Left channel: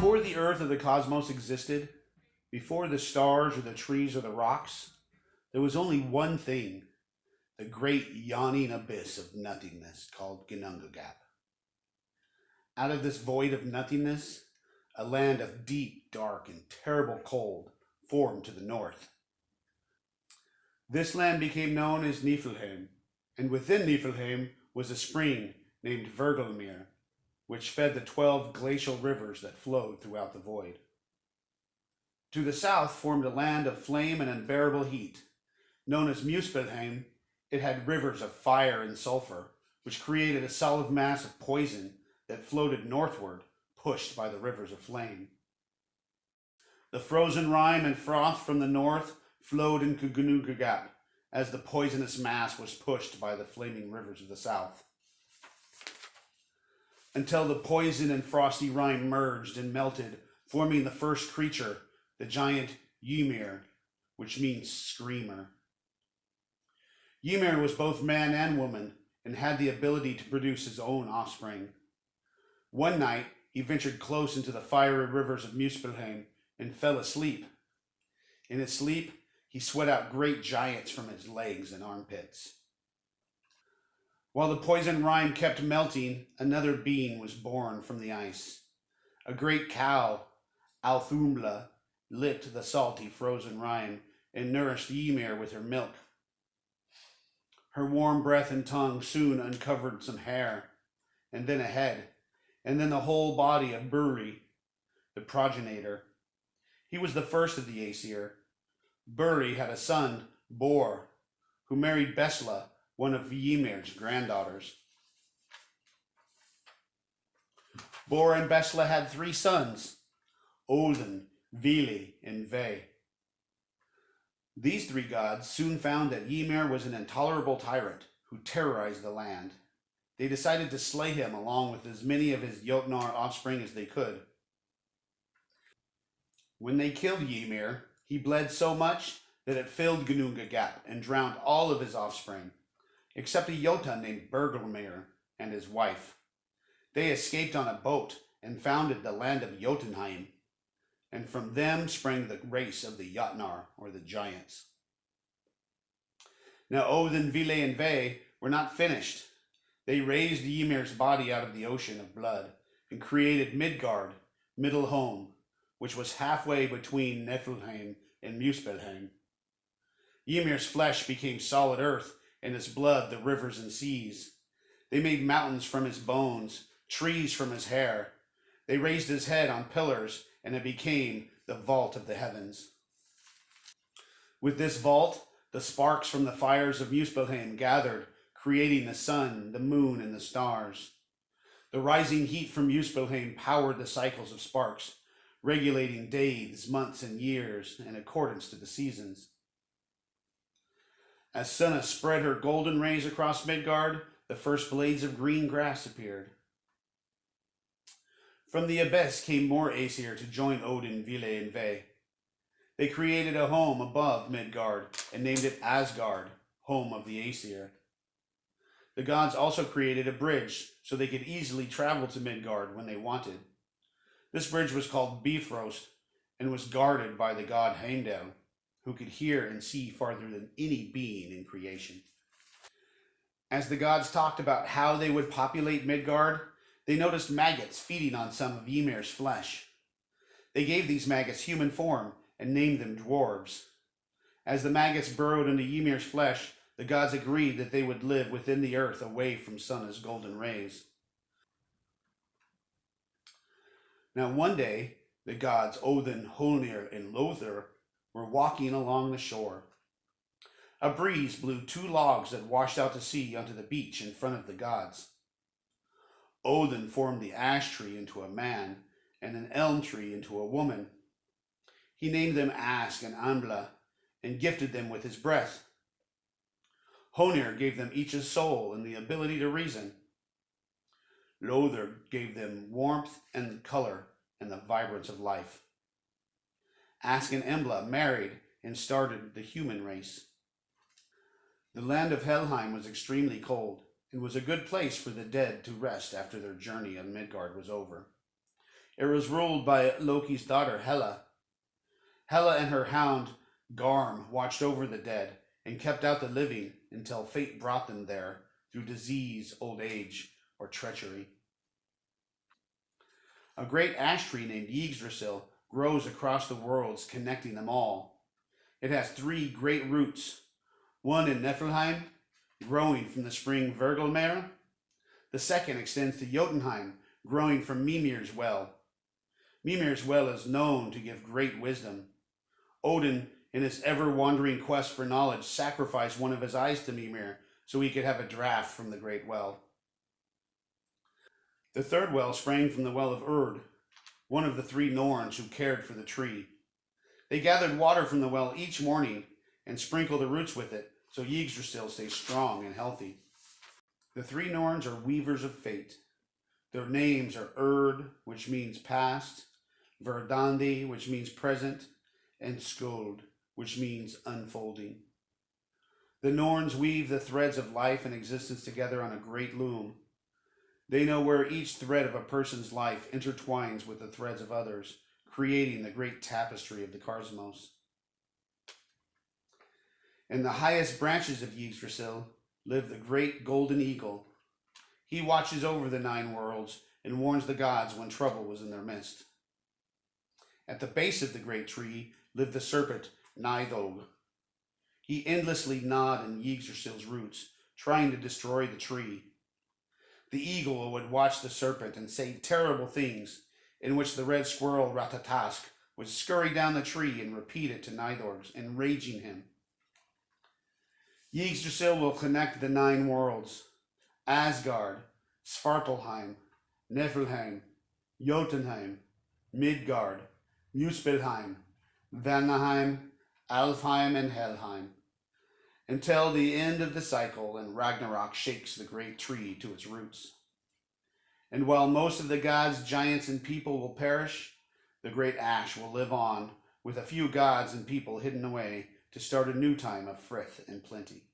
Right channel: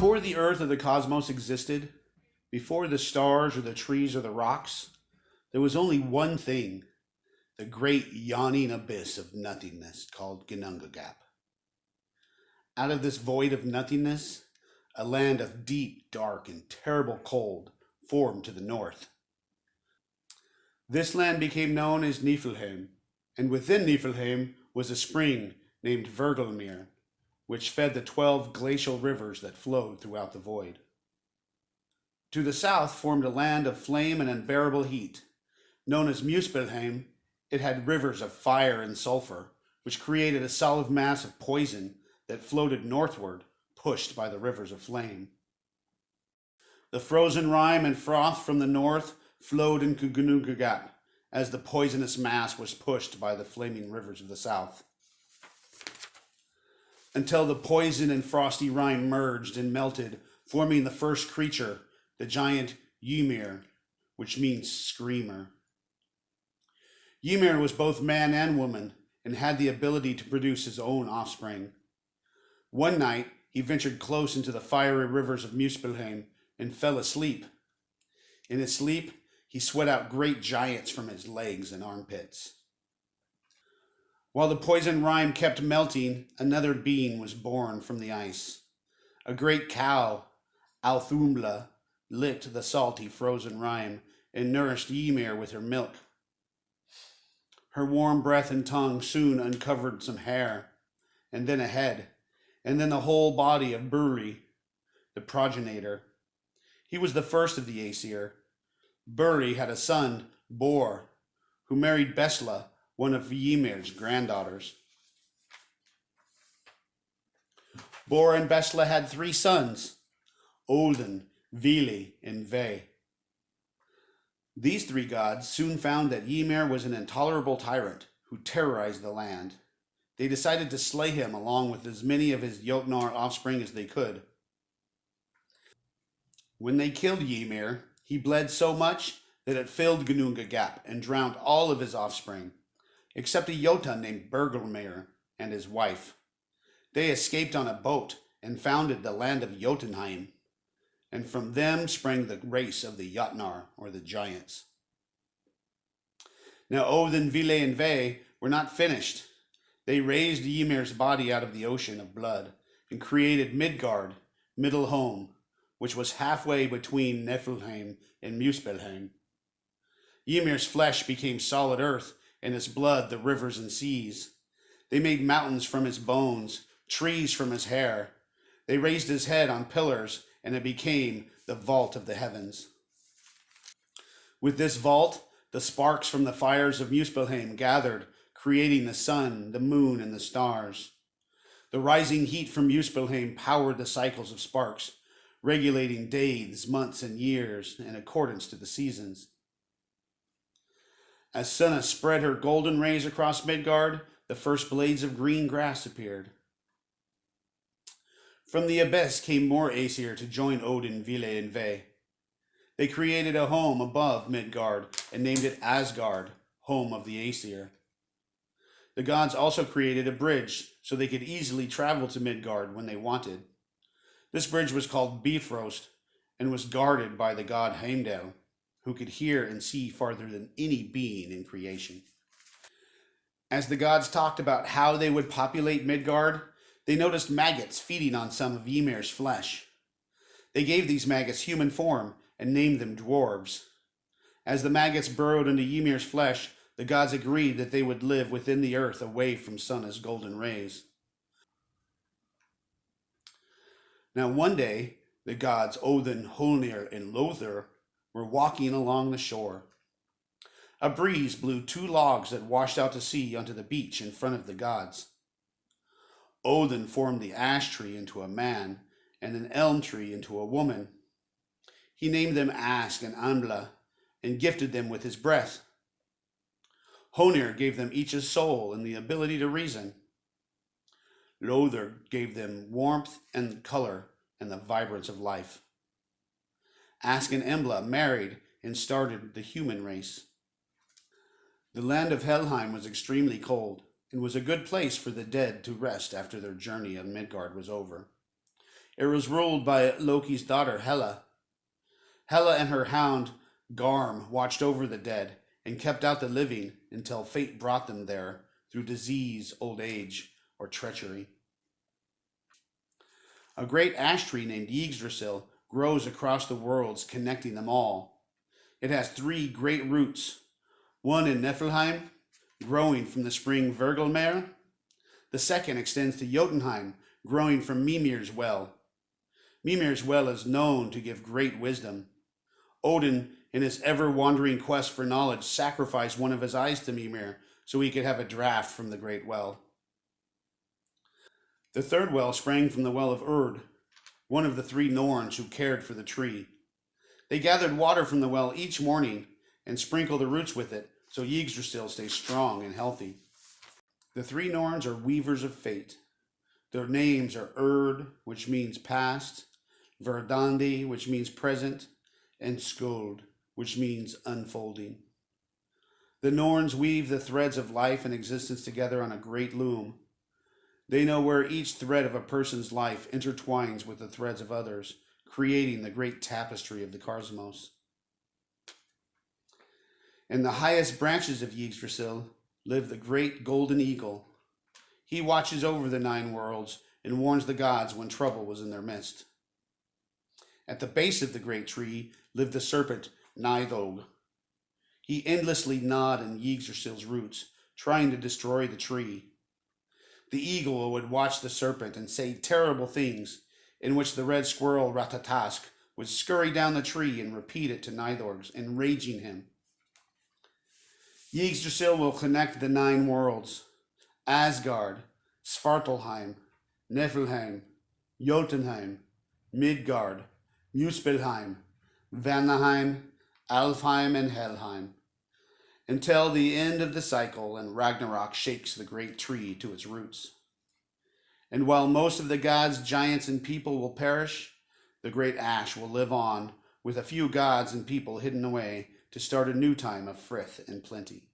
Before the earth or the cosmos existed, before the stars or the trees or the rocks, there was only one thing, the great yawning abyss of nothingness called Ginnungagap. Out of this void of nothingness, a land of deep, dark, and terrible cold formed to the north. This land became known as Niflheim, and within Niflheim was a spring named Vergelmir, which fed the 12 glacial rivers that flowed throughout the void. To the south formed a land of flame and unbearable heat. Known as Muspelheim, it had rivers of fire and sulfur, which created a solid mass of poison that floated northward, pushed by the rivers of flame. The frozen rime and froth from the north flowed into Ginnungagap as the poisonous mass was pushed by the flaming rivers of the south, until the poison and frosty rime merged and melted, forming the first creature, the giant Ymir, which means screamer. Ymir was both man and woman and had the ability to produce his own offspring. One night, he ventured close into the fiery rivers of Muspelheim and fell asleep. In his sleep, he sweat out great giants from his legs and armpits. While the poison rime kept melting, another being was born from the ice. A great cow, Althumbla, licked the salty frozen rime and nourished Ymir with her milk. Her warm breath and tongue soon uncovered some hair, and then a head, and then the whole body of Burli, the progenitor. He was the first of the Aesir. Burli had a son, Bor, who married Besla, one of Ymir's granddaughters. Bor and Besla had 3 sons, Odin, Vili, and Ve. These 3 gods soon found that Ymir was an intolerable tyrant who terrorized the land. They decided to slay him along with as many of his Jotnar offspring as they could. When they killed Ymir, he bled so much that it filled Ginnungagap and drowned all of his offspring, except a Jotun named Bergelmir and his wife. They escaped on a boat and founded the land of Jotunheim, and from them sprang the race of the Jotnar, or the giants. Now Odin, Vile, and Ve were not finished. They raised Ymir's body out of the ocean of blood and created Midgard, Middle Home, which was halfway between Niflheim and Muspelheim. Ymir's flesh became solid earth, and his blood the rivers and seas. They made mountains from his bones, trees from his hair. They raised his head on pillars, and it became the vault of the heavens. With this vault, the sparks from the fires of Muspelheim gathered, creating the sun, the moon, and the stars. The rising heat from Muspelheim powered the cycles of sparks, regulating days, months, and years in accordance to the seasons. As Sunna spread her golden rays across Midgard, the first blades of green grass appeared. From the abyss came more Aesir to join Odin, Vile, and Ve. They created a home above Midgard and named it Asgard, home of the Aesir. The gods also created a bridge so they could easily travel to Midgard when they wanted. This bridge was called Bifrost and was guarded by the god Heimdall, who could hear and see farther than any being in creation. As the gods talked about how they would populate Midgard, they noticed maggots feeding on some of Ymir's flesh. They gave these maggots human form and named them dwarves. As the maggots burrowed into Ymir's flesh, the gods agreed that they would live within the earth away from Sunna's golden rays. Now one day, the gods Odin, Holnir, and Lothar were walking along the shore. A breeze blew 2 logs that washed out to sea onto the beach in front of the gods. Odin formed the ash tree into a man and an elm tree into a woman. He named them Ask and Ambla and gifted them with his breath. Honir gave them each a soul and the ability to reason. Lothar gave them warmth and color and the vibrance of life. Ask and Embla married and started the human race. The land of Helheim was extremely cold and was a good place for the dead to rest after their journey on Midgard was over. It was ruled by Loki's daughter Hela. Hela and her hound Garm watched over the dead and kept out the living until fate brought them there through disease, old age, or treachery. A great ash tree named Yggdrasil grows across the worlds, connecting them all. It has three great roots, one in Niflheim, growing from the spring Vergelmer. The second extends to Jotunheim, growing from Mimir's well. Mimir's well is known to give great wisdom. Odin, in his ever-wandering quest for knowledge, sacrificed one of his eyes to Mimir so he could have a draught from the great well. The third well sprang from the well of Urd, one of the three Norns who cared for the tree. They gathered water from the well each morning and sprinkled the roots with it so Yggdrasil stays strong and healthy. The three Norns are weavers of fate. Their names are Urd, which means past, Verdandi, which means present, and Skuld, which means unfolding. The Norns weave the threads of life and existence together on a great loom. They know where each thread of a person's life intertwines with the threads of others, creating the great tapestry of the cosmos. In the highest branches of Yggdrasil live the great golden eagle. He watches over the 9 worlds and warns the gods when trouble was in their midst. At the base of the great tree lived the serpent Nidhogg. He endlessly gnawed in Yggdrasil's roots, trying to destroy the tree. The eagle would watch the serpent and say terrible things, in which the red squirrel Ratatask would scurry down the tree and repeat it to Nidhogg, enraging him. Yggdrasil will connect the 9 worlds: Asgard, Svartalheim, Niflheim, Jotunheim, Midgard, Muspelheim, Vanaheim, Alfheim, and Helheim, until the end of the cycle and Ragnarok shakes the great tree to its roots. And while most of the gods, giants, and people will perish, the great ash will live on, with a few gods and people hidden away to start a new time of frith and plenty.